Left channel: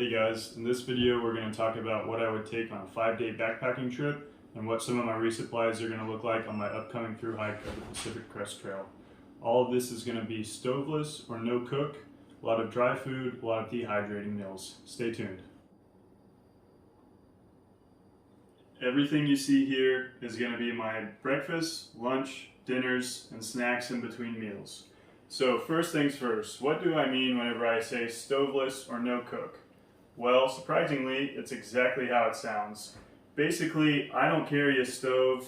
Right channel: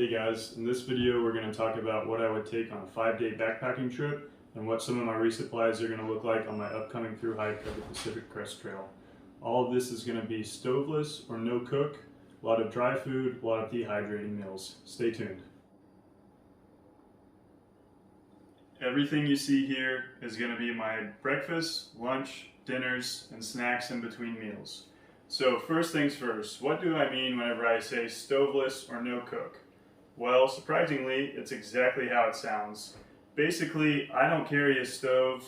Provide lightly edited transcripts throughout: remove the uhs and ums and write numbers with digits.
Hey guys, in this video we're going to talk about what I would take on a 5-day backpacking trip and what some of my resupplies are going to look like on my upcoming through hike of the Pacific Crest Trail. All of this is going to be stoveless or no cook, a lot of dry food, a lot of dehydrating meals. Stay tuned. Everything you see here is going to be my breakfast, lunch, dinners, and snacks in between meals. So first things first, what do I mean whenever I say stoveless or no cook? Well, surprisingly, it's exactly how it sounds. Basically, I don't carry a stove.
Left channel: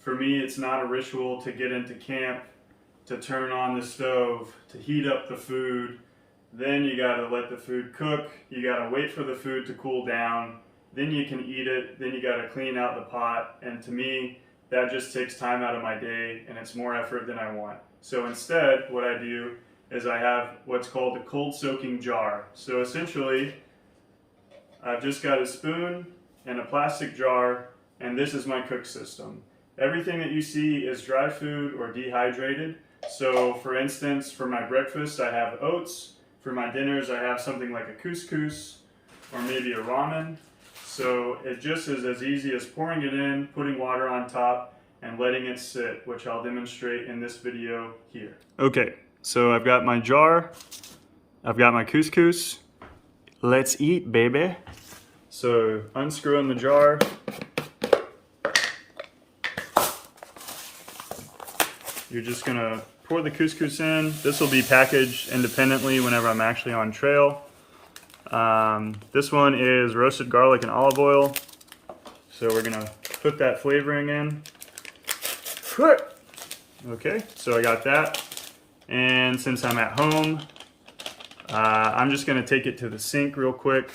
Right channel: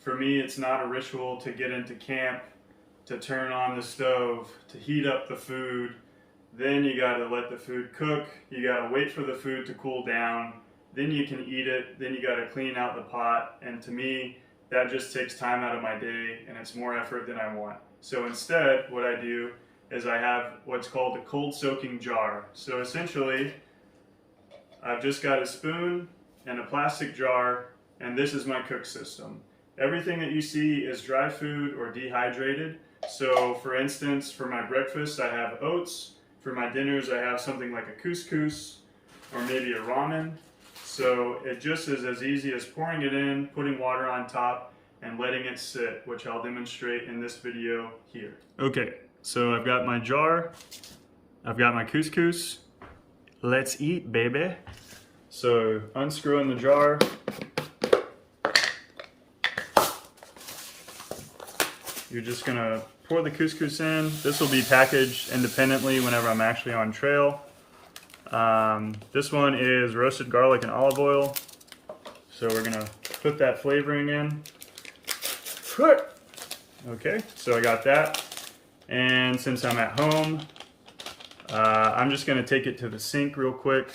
For me, it's not a ritual to get into camp, to turn on the stove, to heat up the food. Then you gotta let the food cook, you gotta wait for the food to cool down, then you can eat it, then you gotta clean out the pot, and to me, that just takes time out of my day and it's more effort than I want. So instead, what I do is I have what's called a cold soaking jar. So essentially, I've just got a spoon and a plastic jar, and this is my cook system. Everything that you see is dry food or dehydrated. So for instance, for my breakfast, I have oats. For my dinners, I have something like a couscous or maybe a ramen. So it just is as easy as pouring it in, putting water on top, and letting it sit, which I'll demonstrate in this video here. Okay, so I've got my jar, I've got my couscous. Let's eat, baby. So unscrewing the jar. You're just gonna pour the couscous in. This will be packaged independently whenever I'm actually on trail. This one is roasted garlic and olive oil. So we're gonna put that flavoring in. Okay, so I got that. And since I'm at home, I'm just gonna take it to the sink real quick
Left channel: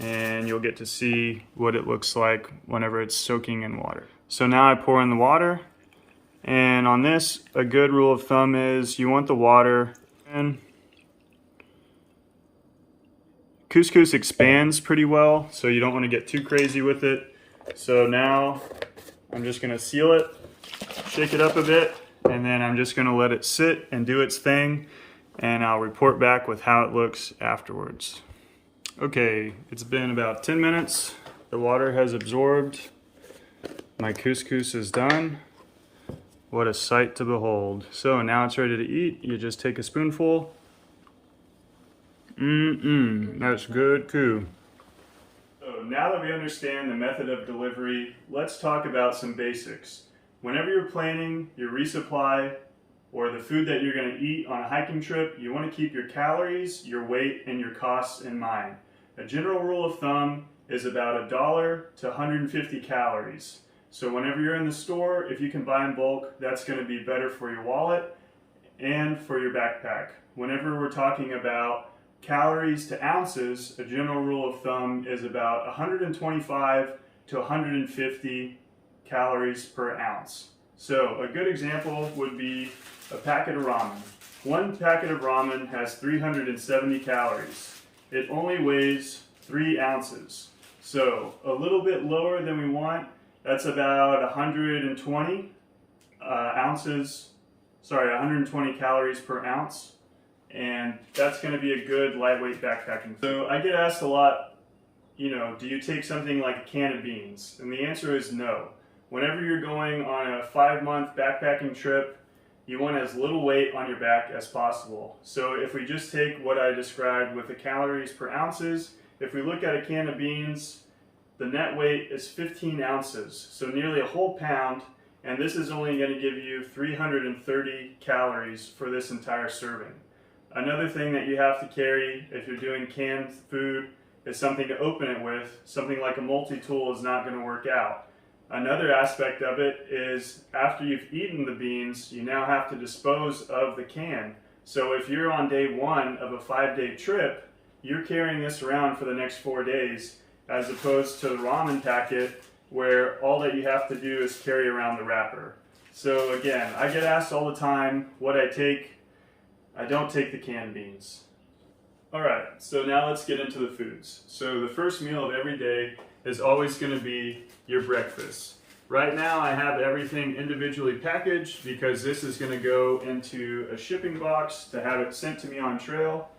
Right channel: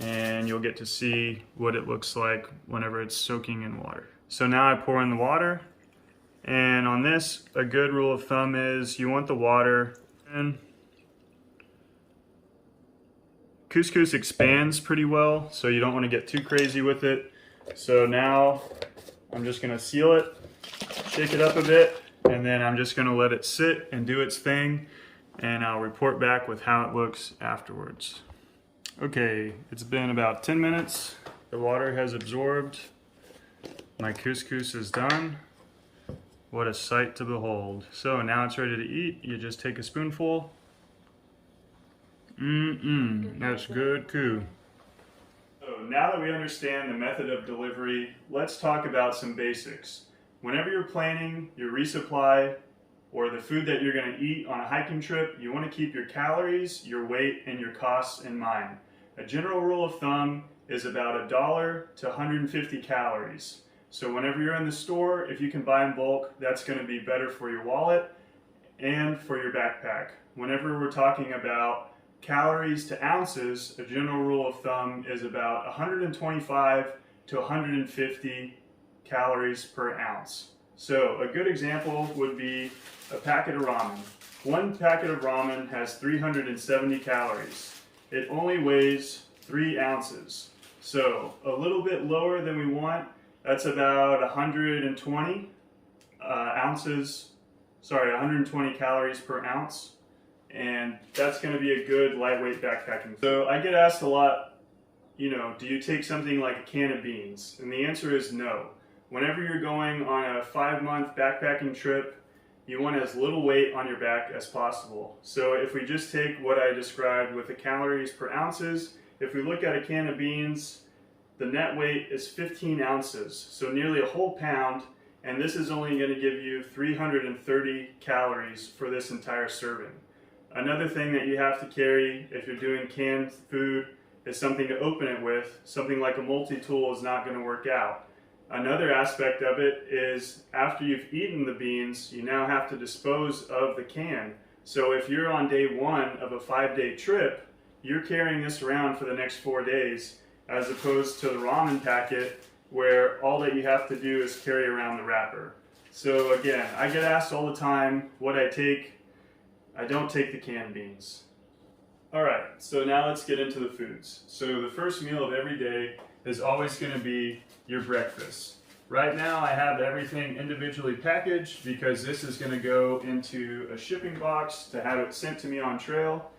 and you'll get to see what it looks like whenever it's soaking in water. So now I pour in the water, and on this, a good rule of thumb is you want the water in. Couscous expands pretty well, so you don't want to get too crazy with it. So now I'm just gonna seal it, shake it up a bit, and then I'm just gonna let it sit and do its thing, and I'll report back with how it looks afterwards. Okay, it's been about 10 minutes. The water has absorbed. My couscous is done. What a sight to behold. So now it's ready to eat. You just take a spoonful. That's good coo. So now that we understand the method of delivery, let's talk about some basics. Whenever you're planning your resupply or the food that you're going to eat on a hiking trip, you want to keep your calories, your weight, and your costs in mind. A general rule of thumb is about $1 to 150 calories. So whenever you're in the store, if you can buy in bulk, that's going to be better for your wallet and for your backpack. Whenever we're talking about calories to ounces, a general rule of thumb is about 125 to 150 calories per ounce. So a good example would be a packet of ramen. One packet of ramen has 370 calories. It only weighs 3 ounces. So a little bit lower than we want. That's about 120 120 calories per ounce. And that's gonna be a good lightweight backpacking. So I get asked a lot, do you take something like a can of beans? And the answer is no. Whenever you're going on a 5-month backpacking trip, you want as little weight on your back as possible. So if we just take what I described with the calories per ounces, if we look at a can of beans, the net weight is 15 ounces, so nearly a whole pound, and this is only going to give you 330 calories for this entire serving. Another thing that you have to carry if you're doing canned food is something to open it with. Something like a multi-tool is not going to work out. Another aspect of it is after you've eaten the beans, you now have to dispose of the can. So if you're on day 1 of a 5-day trip, you're carrying this around for the next 4 days, as opposed to the ramen packet where all that you have to do is carry around the wrapper. So again, I get asked all the time what I take. I don't take the canned beans. Alright, so now let's get into the foods. So the first meal of every day is always going to be your breakfast. Right now I have everything individually packaged because this is going to go into a shipping box to have it sent to me on trail.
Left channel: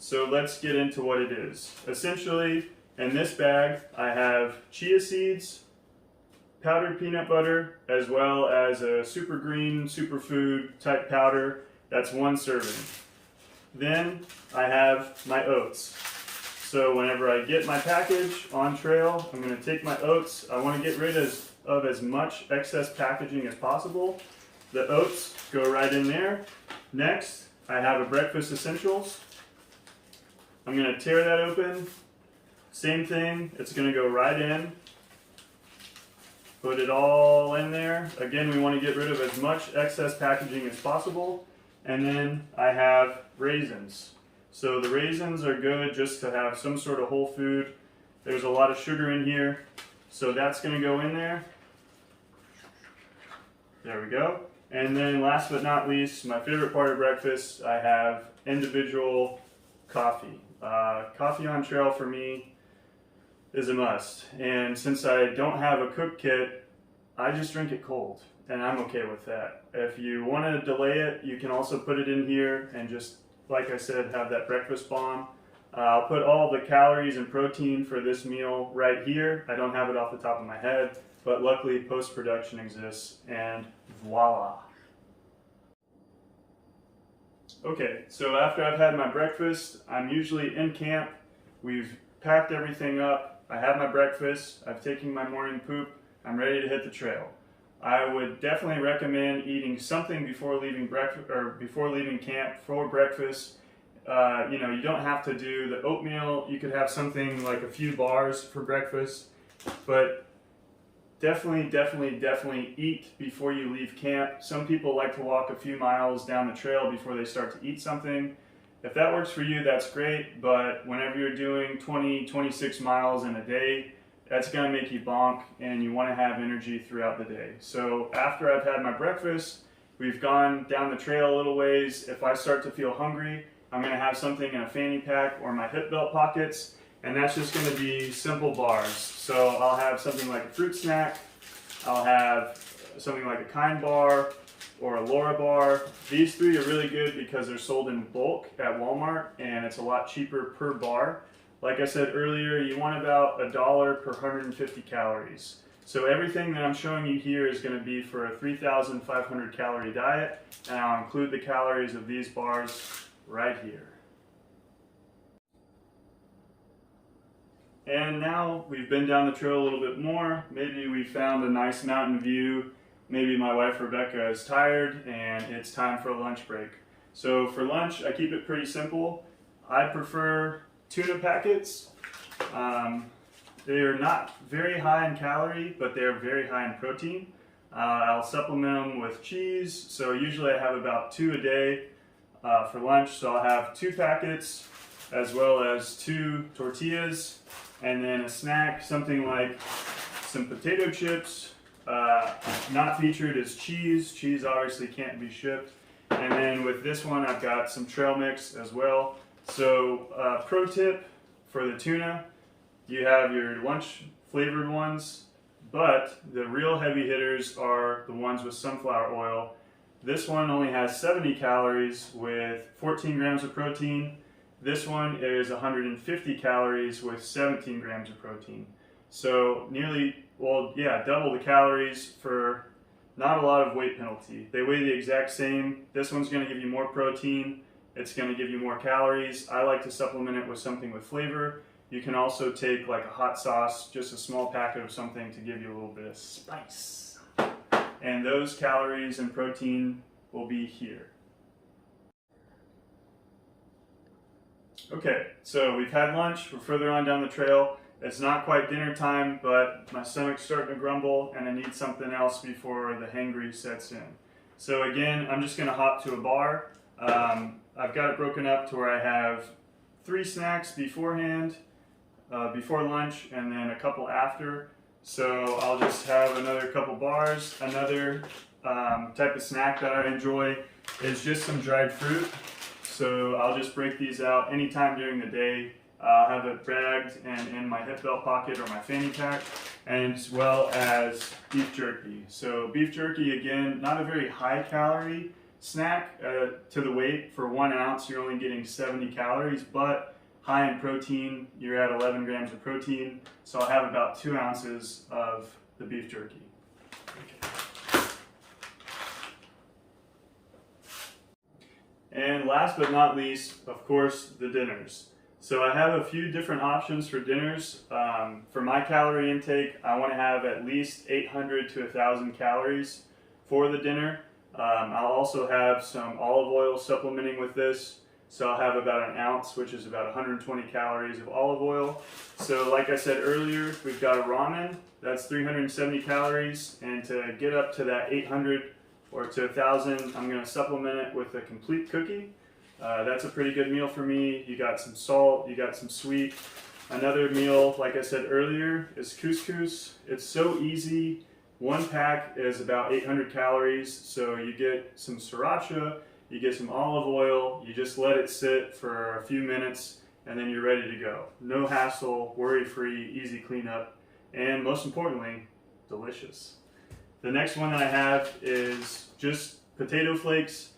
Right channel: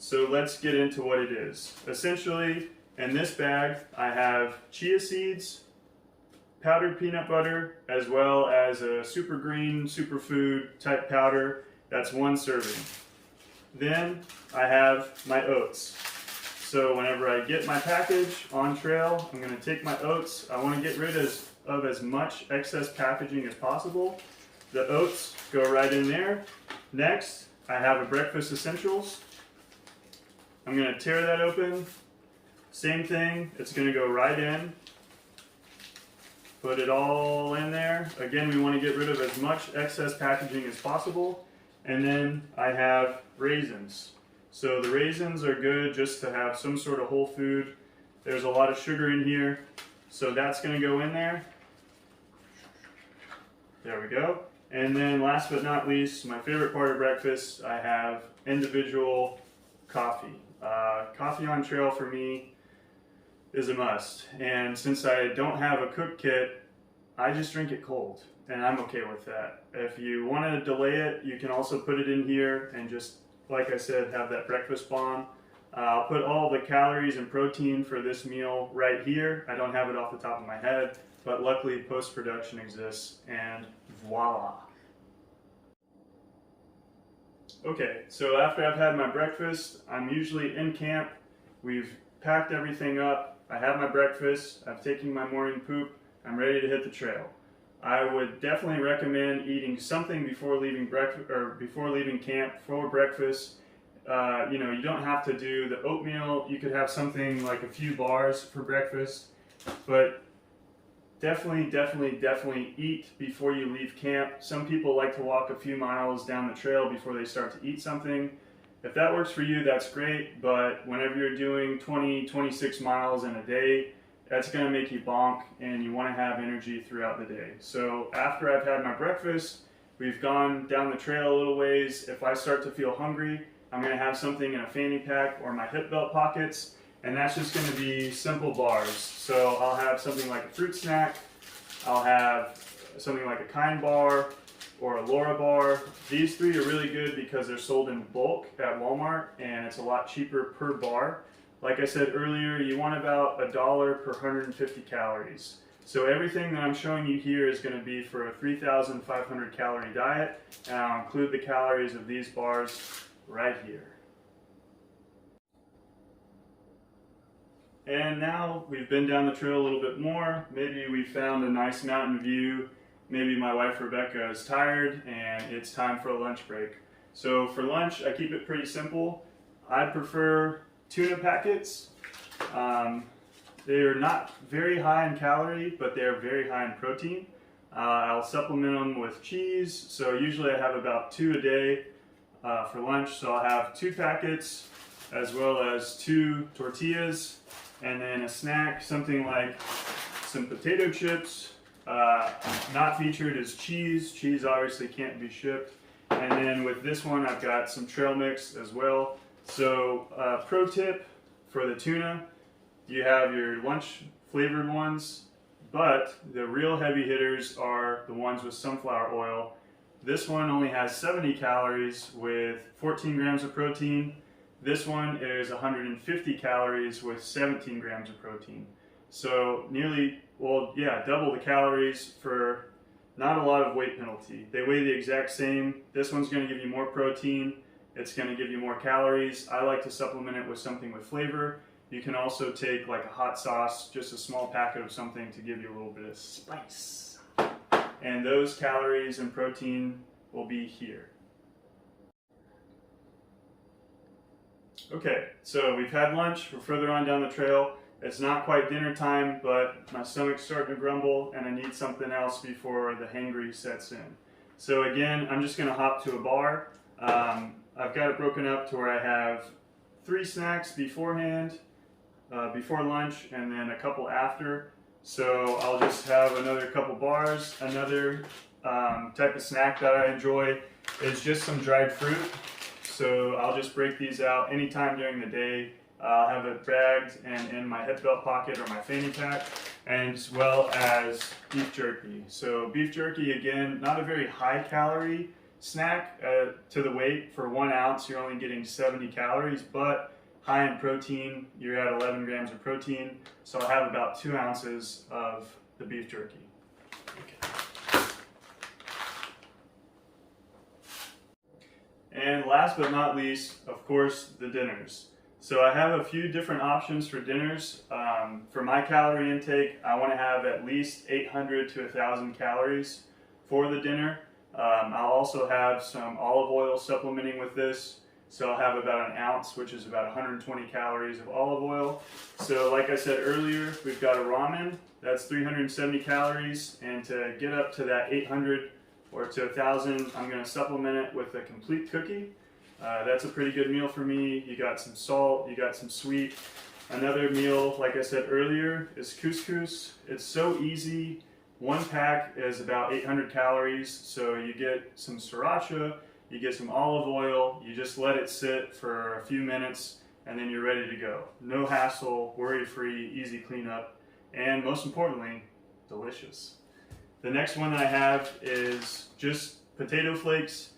So let's get into what it is. Essentially, in this bag, I have chia seeds, powdered peanut butter, as well as a super green superfood type powder. That's 1 serving. Then I have my oats. So whenever I get my package on trail, I'm going to take my oats. I want to get rid of as much excess packaging as possible. The oats go right in there. Next, I have a breakfast essentials. I'm going to tear that open. Same thing, it's going to go right in. Put it all in there. Again, we want to get rid of as much excess packaging as possible. And then I have raisins. So the raisins are good just to have some sort of whole food. There's a lot of sugar in here, so that's going to go in there. There we go. And then last but not least, my favorite part of breakfast, I have individual coffee. Coffee on trail for me is a must. And since I don't have a cook kit, I just drink it cold, and I'm okay with that. If you want to delay it, you can also put it in here and just, like I said, have that breakfast bomb. I'll put all the calories and protein for this meal right here. I don't have it off the top of my head, but luckily post-production exists, and voila. Okay, so after I've had my breakfast, I'm usually in camp. We've packed everything up. I have my breakfast. I've taken my morning poop. I'm ready to hit the trail. I would definitely recommend eating something before leaving breakfast or before leaving camp for breakfast. You don't have to do the oatmeal. You could have something like a few bars for breakfast, but definitely eat before you leave camp. Some people like to walk a few miles down the trail before they start to eat something. If that works for you, that's great, but whenever you're doing 26 miles in a day, that's going to make you bonk, and you want to have energy throughout the day. So after I've had my breakfast, we've gone down the trail a little ways. If I start to feel hungry, I'm going to have something in a fanny pack or my hip belt pockets, and that's just going to be simple bars. So I'll have something like a fruit snack, I'll have something like a Kind bar or a Laura bar. These 3 are really good because they're sold in bulk at Walmart, and it's a lot cheaper per bar. Like I said earlier, you want about $1 per 150 calories. So everything that I'm showing you here is going to be for a 3,500 calorie diet, and I'll include the calories of these bars right here. And now we've been down the trail a little bit more. Maybe we found a nice mountain view. Maybe my wife Rebecca is tired and it's time for a lunch break. So for lunch, I keep it pretty simple. I prefer tuna packets. They are not very high in calorie, but they're very high in protein. I'll supplement them with cheese. So usually I have about 2 a day for lunch. So I'll have 2 packets as well as 2 tortillas, and then a snack, something like some potato chips. Not featured is cheese. Cheese obviously can't be shipped. And then with this one, I've got some trail mix as well. So pro tip for the tuna, you have your lunch flavored ones, but the real heavy hitters are the ones with sunflower oil. This one only has 70 calories with 14 grams of protein. This one is 150 calories with 17 grams of protein. So double the calories for not a lot of weight penalty. They weigh the exact same. This one's going to give you more protein. It's going to give you more calories. I like to supplement it with something with flavor. You can also take like a hot sauce, just a small packet of something to give you a little bit of spice. And those calories and protein will be here. Okay, so we've had lunch. We're further on down the trail. It's not quite dinner time, but my stomach's starting to grumble and I need something else before the hangry sets in. So again, I'm just gonna hop to a bar. I've got it broken up to where I have 3 snacks beforehand, before lunch, and then a couple after. So I'll just have another couple bars. Another type of snack that I enjoy is just some dried fruit. So I'll just break these out anytime during the day. I'll have it bagged and in my hip belt pocket or my fanny pack, as well as beef jerky. So beef jerky, again, not a very high calorie snack to the weight. For 1 ounce, you're only getting 70 calories, but high in protein, you're at 11 grams of protein. So I'll have about 2 ounces of the beef jerky. And last but not least, of course, the dinners. So I have a few different options for dinners. For my calorie intake, I want to have at least 800 to 1,000 calories for the dinner. I'll also have some olive oil supplementing with this. So I'll have about 1 ounce, which is about 120 calories of olive oil. So like I said earlier, we've got a ramen, that's 370 calories. And to get up to that 800 or to 1,000, I'm gonna supplement it with a complete cookie. That's a pretty good meal for me. You got some salt, you got some sweet. Another meal, like I said earlier, is couscous. It's so easy. 1 pack is about 800 calories. So you get some sriracha, you get some olive oil, you just let it sit for a few minutes, and then you're ready to go. No hassle, worry-free, easy cleanup, and most importantly, delicious. The next one that I have is just potato flakes.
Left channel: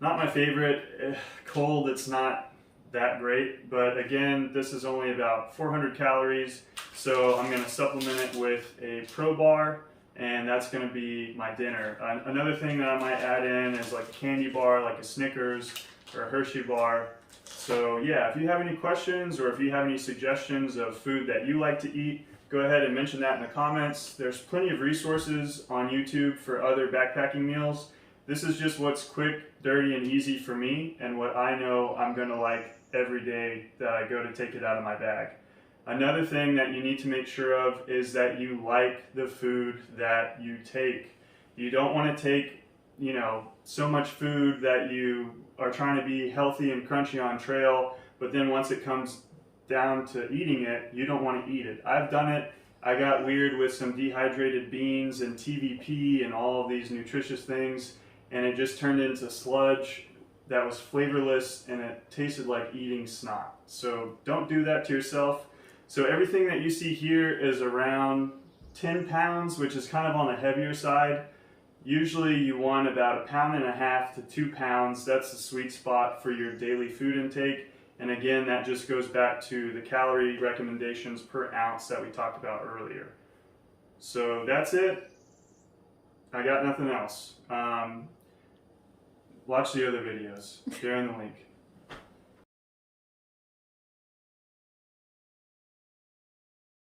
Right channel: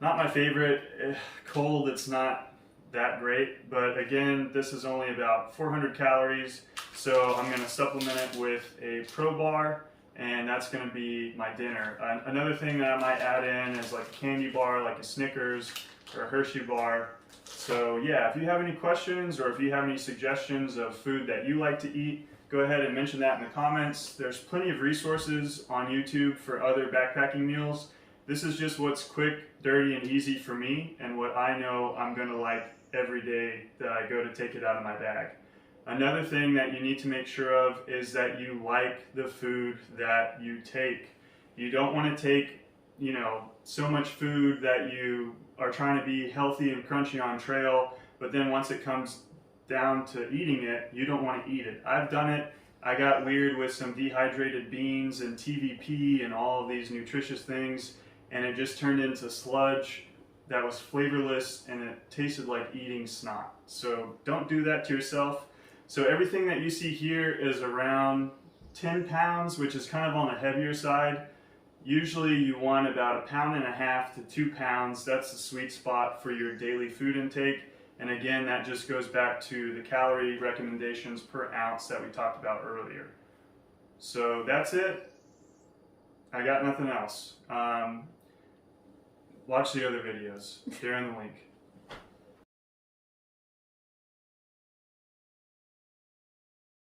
Not my favorite. Cold, it's not that great, but again, this is only about 400 calories, so I'm going to supplement it with a Pro Bar, and that's going to be my dinner. Another thing that I might add in is like a candy bar, like a Snickers or a Hershey bar. So yeah, if you have any questions or if you have any suggestions of food that you like to eat, go ahead and mention that in the comments. There's plenty of resources on YouTube for other backpacking meals. This is just what's quick, dirty, and easy for me, and what I know I'm gonna like every day that I go to take it out of my bag. Another thing that you need to make sure of is that you like the food that you take. You don't wanna take, so much food that you are trying to be healthy and crunchy on trail, but then once it comes down to eating it, you don't want to eat it. I've done it. I got weird with some dehydrated beans and TVP and all of these nutritious things, and it just turned into sludge that was flavorless and it tasted like eating snot. So don't do that to yourself. So everything that you see here is around 10 pounds, which is kind of on the heavier side. Usually you want about 1.5 pounds to 2 pounds. That's the sweet spot for your daily food intake. And again, that just goes back to the calorie recommendations per ounce that we talked about earlier. So that's it. I got nothing else. Watch the other videos. They're in the link.